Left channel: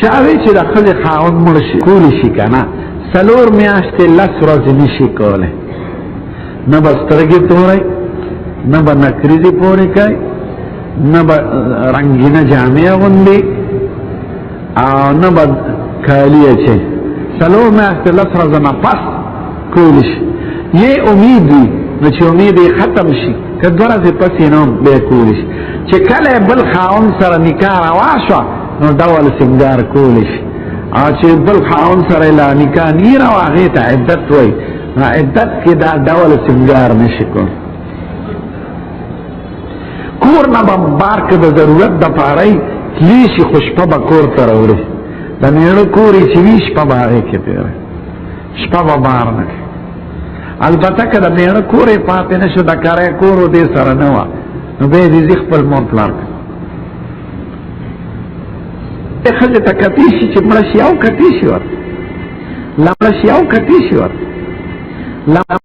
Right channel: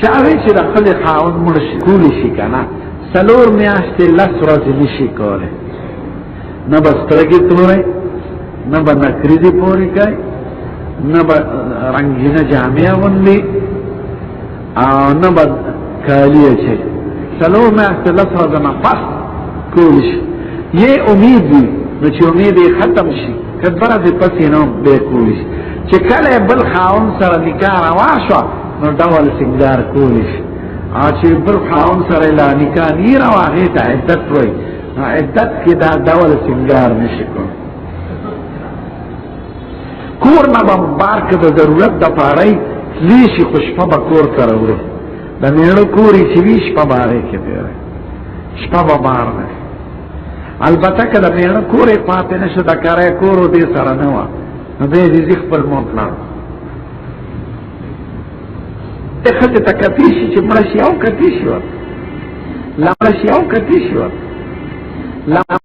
چاوی چې د خپل خاوند مړ شي کولی شي که نه 4 میاشتې 10 ورځې نشي کولی نه به سترګې تورئ نه به نکریزې پورې کوي نه به رنګینه جامې اغوندي او نه به کالي اچوي 4 میاشتې 10 ورځې نه پس کولی شي یې امید وي نو چې امید یې ختم شي که 2 ورځې پس یې نه بیا کولی شي چې کله بل خاوند سره نکاح روا شوه نو ډول سینګار کولی شي او چې بل خاوند سره لا نکاح نه روا هغې ته عدت وایي نو عدت کې دا ډول سینګار نشي کولی کور نه به بار که د ضرورت دپاره یې تللی شي خو شپه به کور ته راوړي د مېړه کور یې چې وي شپه به هغې کې تېروي شپه به بار نه کوي البته که د مېړه کور یې پاتې نه شو د کری کور دې سره نه وه نو بیا یې ځي خپل مور پلار ښځې ته کتی شي چې مړه شي او کتی شي ورته لاړه شي او کتی شي ورته